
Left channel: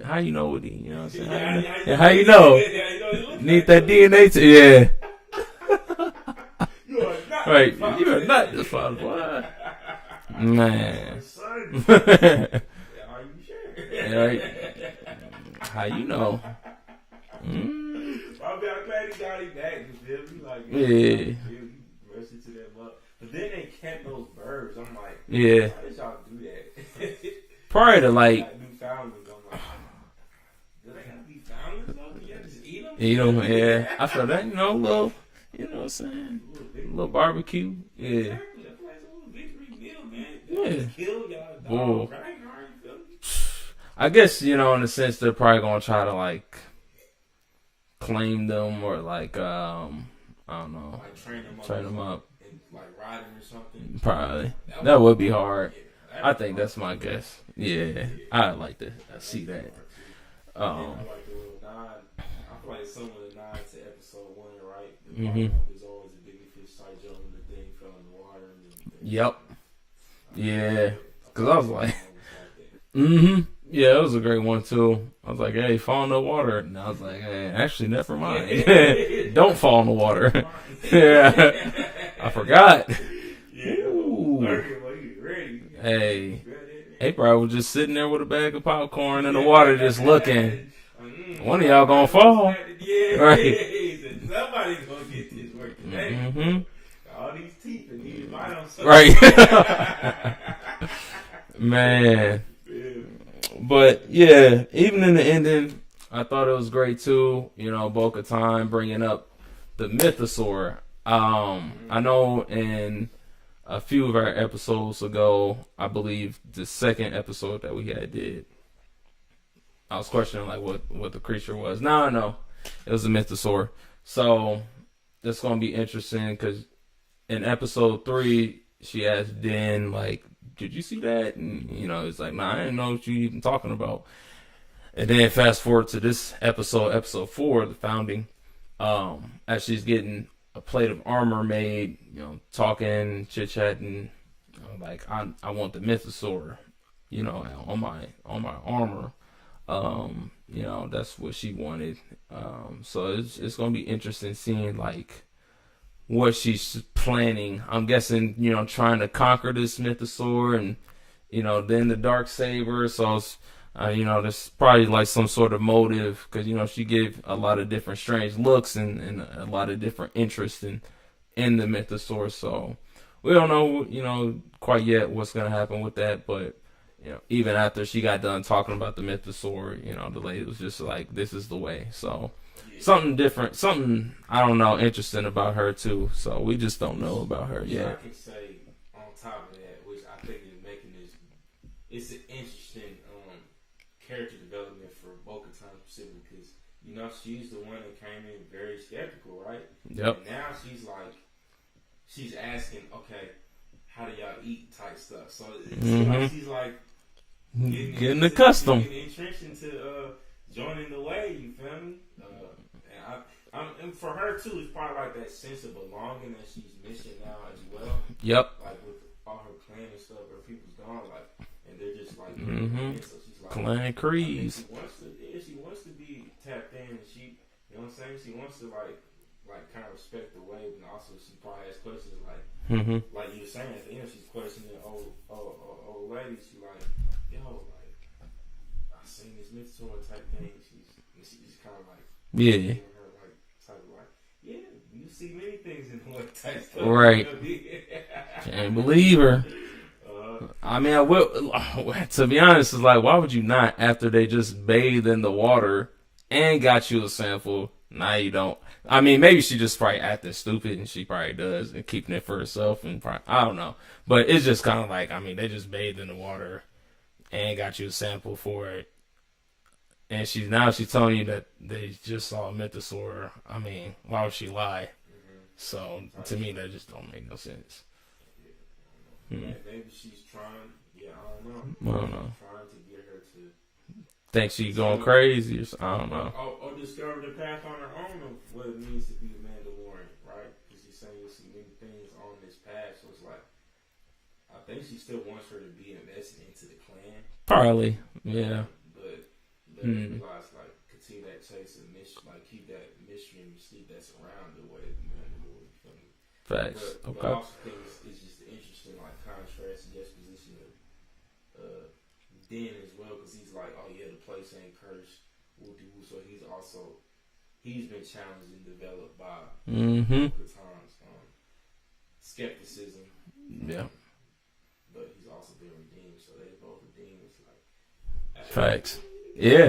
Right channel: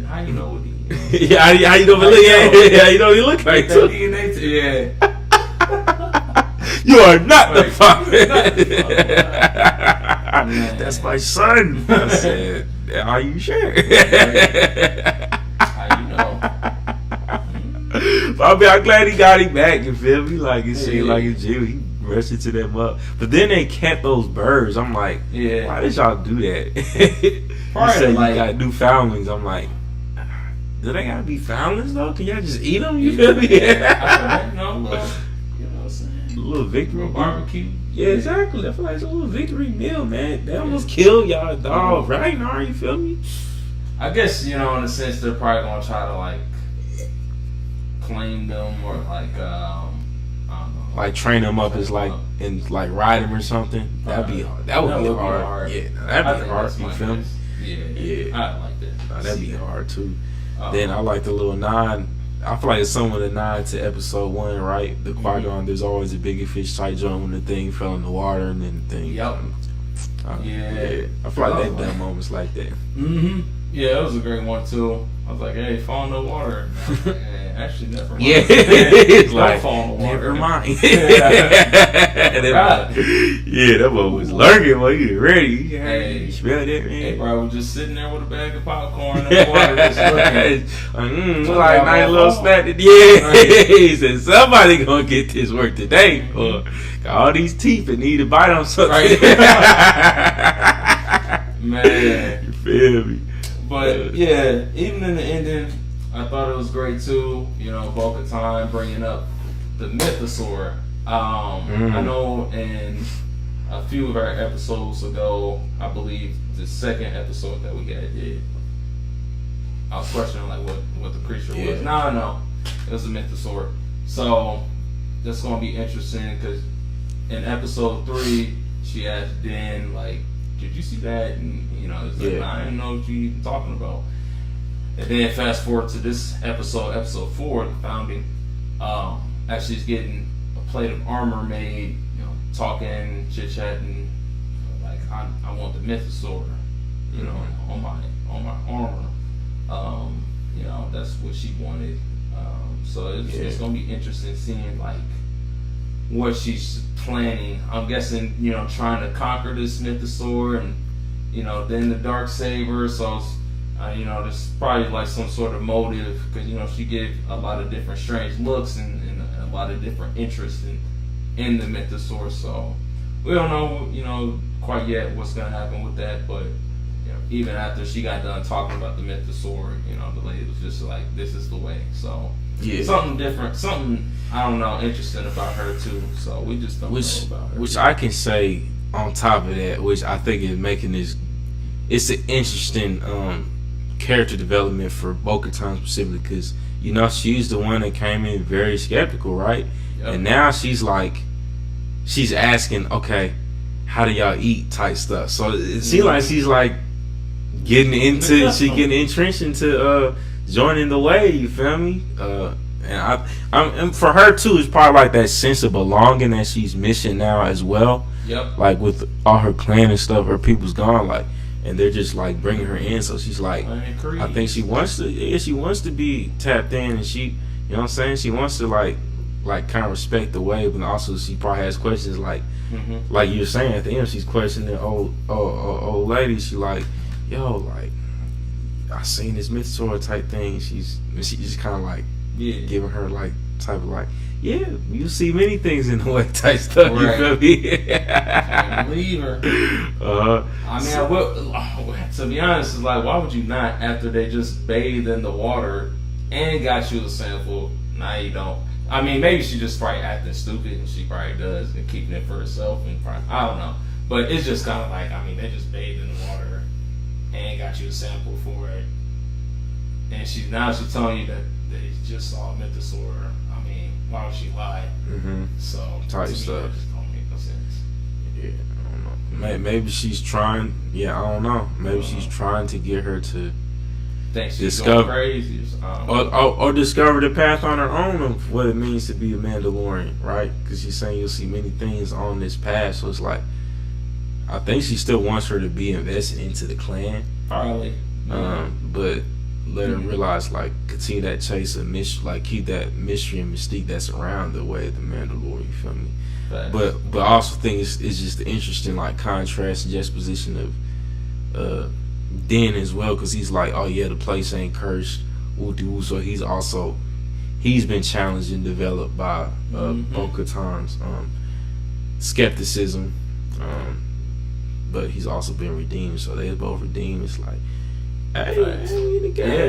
Yeah, how you know? How you know he look Like like that DNA yeah. You are not the father. That's my son. I said, are you sure? How you know? I mean, I'm glad he got him back. You feel me? Like it seemed Yeah. like a Jew. He rushed into that mug. But then they kept those birds. I'm like, Yeah. why did y'all do that? Probably to, like, got new foundlings. I'm like, do they gotta be foundlings though? Can y'all just eat them? You Eat feel 'em, me? yeah. I feel like, little, you know what I'm saying? A little victory Little barbecue. Yeah, exactly. I feel like it's a little victory meal, man. They almost kill y'all dog right now. You feel me? I guess, you know, in a sense, they're probably gonna try to like claim them or like I don't know, Like train them up as like and like ride them or something. Probably. That would be hard. Yeah, I that'd be think hard. that's my You feel me? guess. Yeah, Yeah. I like that. That'd be hard too. Uh-oh. Then I like the little nod. I feel like it's somewhat a nod to episode 1, right? The Qui-Gon, there's always a bigger fish type joint when the thing fell in the water and then the thing. Yep. Yeah. I feel like that moments like that. Mm-hmm. Yeah, that was a great one too. I was like, hey, fall in the water. And I was like, hey, actually, never mind. Yeah, it's Don't like, fall in the water. Never mind. Right. Yeah, that one was lurking while you were ready. Hey. You smell that, man? Hey, bro, was just sitting there with a bag of popcorn in the water, just looking. Like nice little snack. Yeah, Right. He said somebody gonna get this work today. Mhm. Got all these teeth and need to bite on something. Right. Man. You feel me? But yeah, even in the ending, I thought it was great too. You know, Bo-Katan bringing up the mythosaur. I know in a few of our episodes ago, I believe the second episode that we did, I was questioning like what the creature was. No, it was a mythosaur. So that's gonna be interesting because in episode 3, she asked Den like, did you see that? And you know, it's like, nah, I didn't know what you even talking about. And then fast forward to this episode 4, the founding. Actually, is getting a plate of armor made. You know, talking, chit chatting. Like I want the mythosaur. You know, on my armor. You know, that's what she wanted. So it's gonna be interesting seeing like what she's planning. I'm guessing, you know, trying to conquer this mythosaur and, you know, then the Darksaber. So, you know, there's probably like some sort of motive because, you know, she gave a lot of different strange looks and a lot of different interest in the mythosaur. So we don't know, you know, quite yet what's going to happen with that. But, you know, even after she got done talking about the mythosaur, you know, the lady was just like, this is the way. So something different, something, I don't know, interesting about her too. So we just don't know about her. Which I can say on top of that, which I think is making this, it's an interesting character development for Bo-Katan specifically because, you know, she's the one that came in very skeptical, right? Yep. And now she's like, she's asking, okay, how do y'all eat type stuff? So it seems like she's like getting into, she getting entrenched into joining the way, you feel me? And for her too, it's probably like that sense of belonging that she's missing now as well. Yep. Like with all her clan and stuff, her people's gone, like, and they're just like bringing her in. So she's like, I think she wants to. Yeah, she wants to be tapped in, and she, you know what I'm saying? She wants to like kind of respect the way, but also she probably has questions like you're saying at the end, she's questioning old lady. She like, yo, like, I seen this mythosaur type thing. She just kind of like giving her like type of like, yeah, you see many things in the way type stuff. Right. You feel me? Can't believe her. I mean, to be honest, it's like, why would you not after they just bathed in the water and got you a sample? Now you don't. I mean, maybe she just probably acting stupid, and she probably does, and keeping it for herself, and probably, I don't know. But it's just kind of like, I mean, they just bathed in the water and got you a sample for it, and she's telling you that they just saw a mythosaur. I mean, why would she lie? So to me, that just don't make no sense. Yeah, I don't know. Maybe she's trying. Yeah, I don't know. Maybe she's trying to get her to think she's going crazy, or discover the path on her own of what it means to be a Mandalorian, right? Because she's saying you'll see many things on this path. So it's like, I think she still wants her to be invested into the clan, probably. But let her realize, like, continue that chase of mystery, like keep that mystery and mystique that's around the way of the Mandalorian. You feel me? Facts. But I also think it's just the interesting like contrast and juxtaposition of Den as well, because he's like, oh yeah, the place ain't cursed, so he's also he's been challenged and developed by Bo-Katan's skepticism, but he's also been redeemed. So they both redeemed. It's like, hey,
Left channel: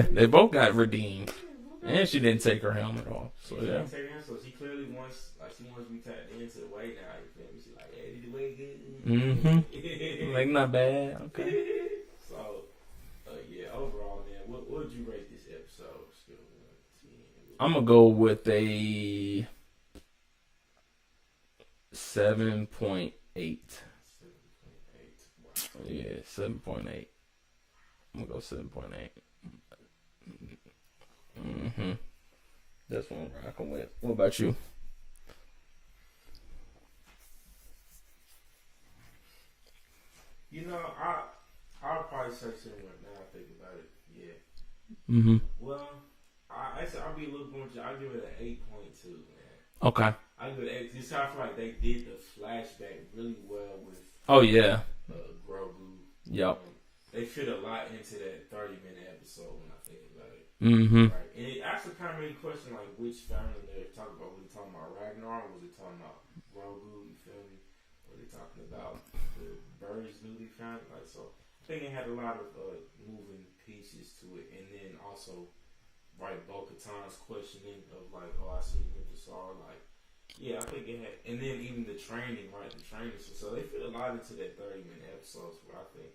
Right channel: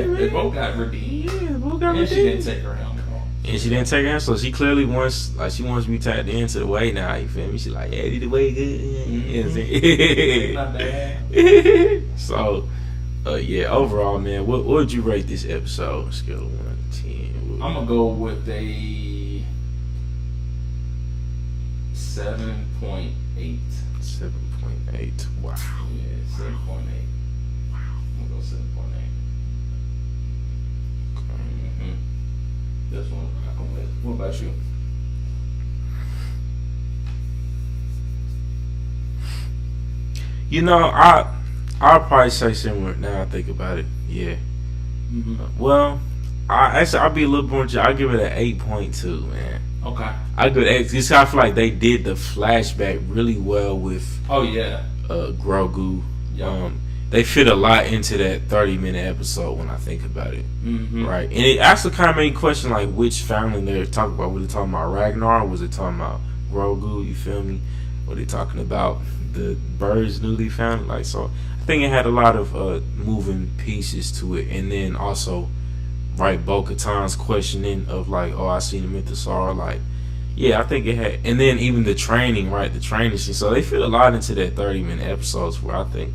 they both got redeemed. Yeah, both got and redeemed. She didn't take her helmet off. And she didn't take her, so she clearly wants to be tapped into the way now. You feel me? She like, yeah, did the way good. You know what I'm saying? Not bad. So, yeah. Overall, man, what would you rate this episode? Scale of 1 to 10. I'm gonna go with a 7.8. 7.8. Wow. Yeah, 7.8. I'm gonna go 7.8. This one I come with. What about you? You know, I'll probably say similar now I think about it. Yeah. Well, I'll be a little more. I'll give it an 8.2, man. Okay. I give it 8. This I feel like they did the flashback really well with. Oh yeah. Grogu. Yeah. They fit a lot into that 30-minute episode when I think about it. Right. And it actually kind of made me question like which family they're talking about. Were they talking about Ragnar? Or was it talking about Grogu? You feel me? Were they talking about the birds newly found? Like, so I think it had a lot of moving pieces to it. And then also, right, Bo-Katan's questioning of like, oh, I seen the Mythosaur. Like, yeah, I think it had. And then even the training, right? The training scene. So they fit a lot into that 30-minute episodes where I think,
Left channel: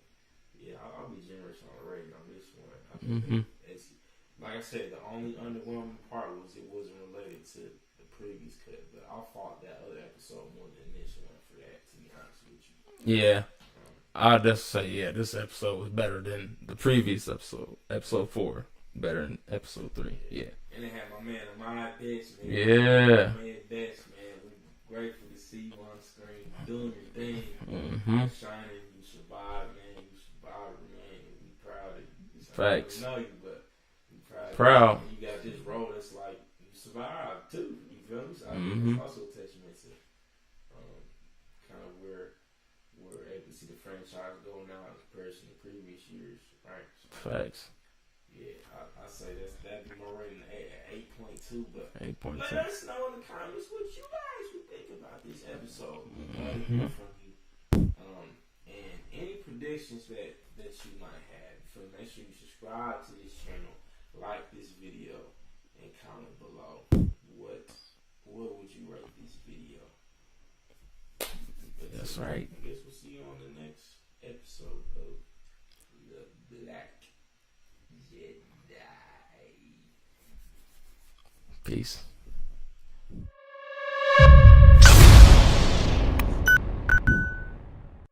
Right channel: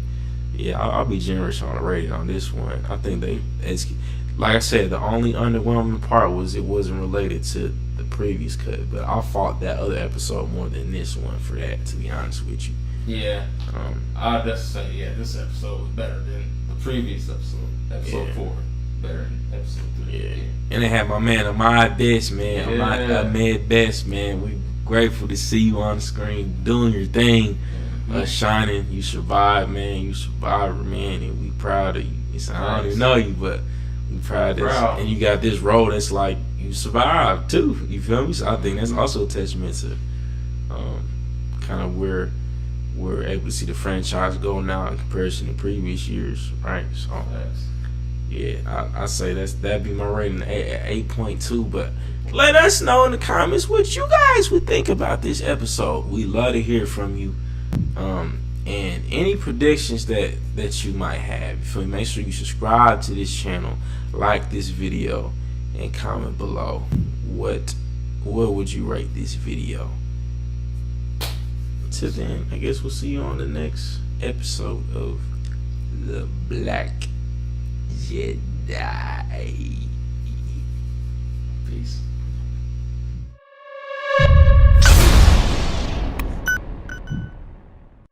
yeah, I'll be generous on the rating on this one. I think it's like I said, the only underwhelming part was it wasn't related to the previous cut, but I fought that other episode more than this one for that, to be honest with you. Yeah. I'll just say, yeah, this episode was better than the previous episode. Episode 4. Better than episode 3. Yeah. And they had my man Ahmad Best, man. Yeah. Ahmad Best, man. We grateful to see you on the screen doing your thing. Shining, you survived, man. You survived, man, and we proud of you. I don't even know you, but we proud of this. And you got this role that's like you survived too. You feel me? So I think that's also a testament to kind of where we're able to see the franchise go now in comparison to previous years, right? So yeah, I say that'd be my rating at 8.2. But let us know in the comments what you guys would think about this episode. We love to hear from you. And any predictions that you might have. So make sure you subscribe to this channel, like this video, and comment below what would you rate this video. Till then, I guess we'll see you on the next episode of The Black Jedi. Peace.